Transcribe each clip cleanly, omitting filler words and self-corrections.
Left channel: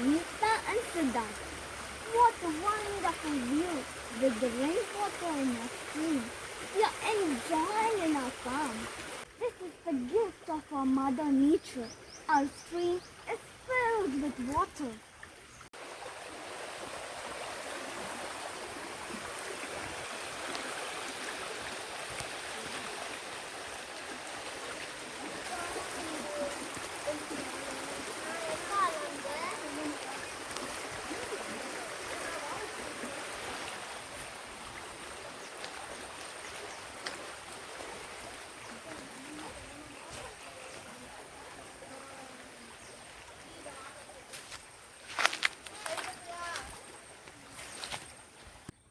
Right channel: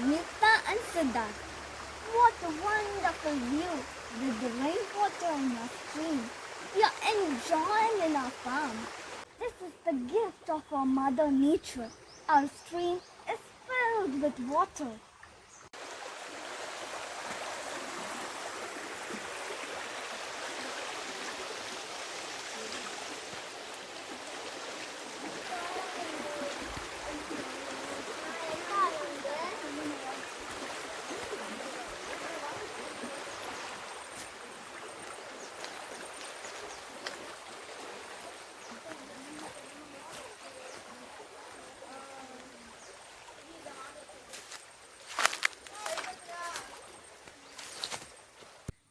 Samita and Siddharth. What a wonderful view with the rainwater in our stream. We are enjoying in our farm. This is the gift of our Mother Nature. Our stream is filled with water.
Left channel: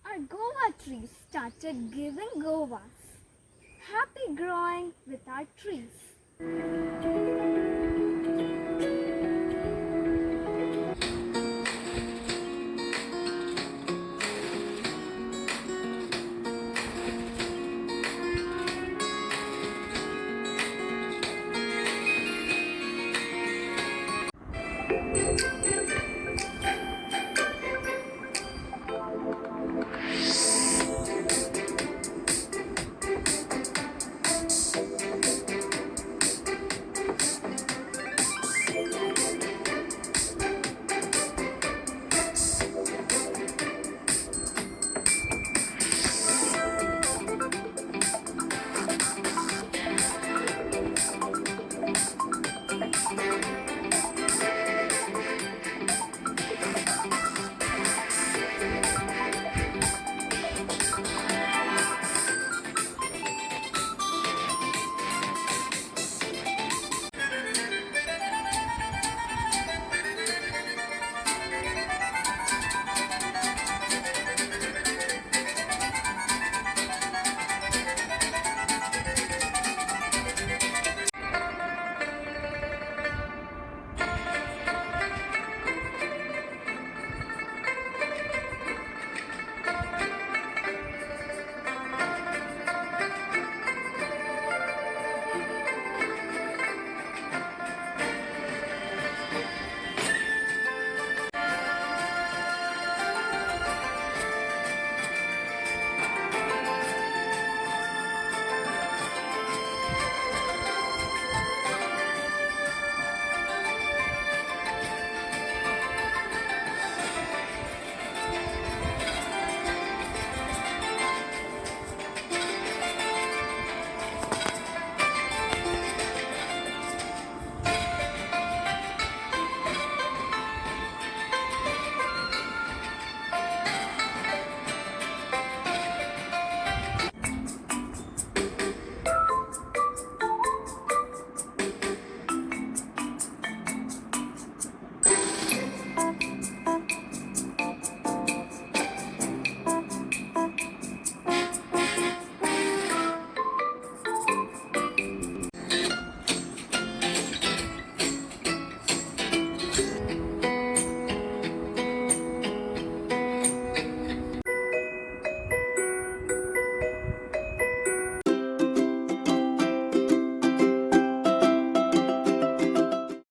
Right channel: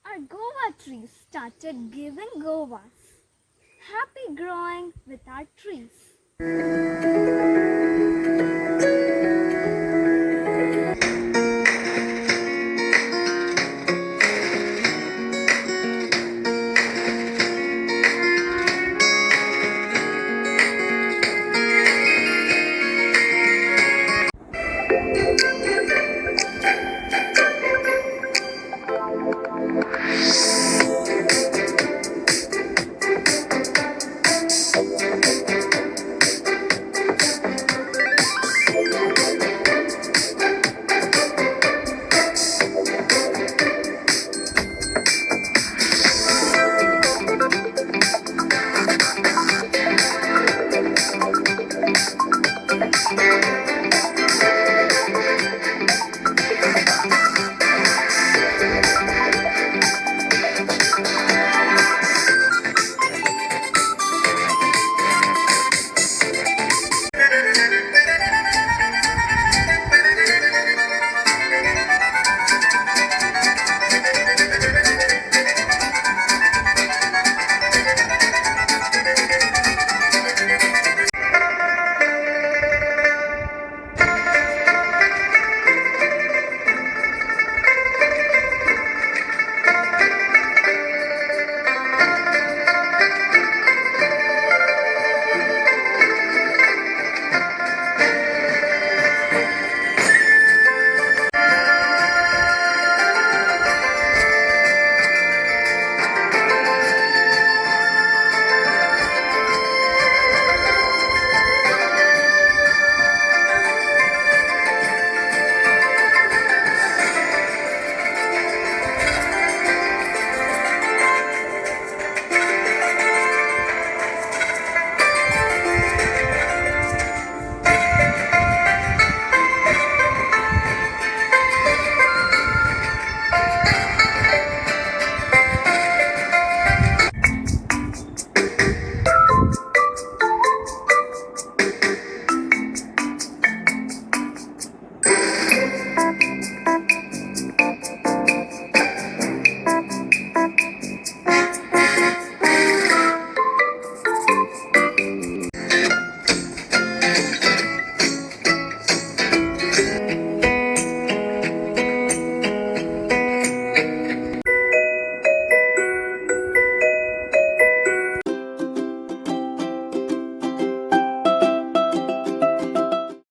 Our guava trees started giving guavas. Happy growing with our trees.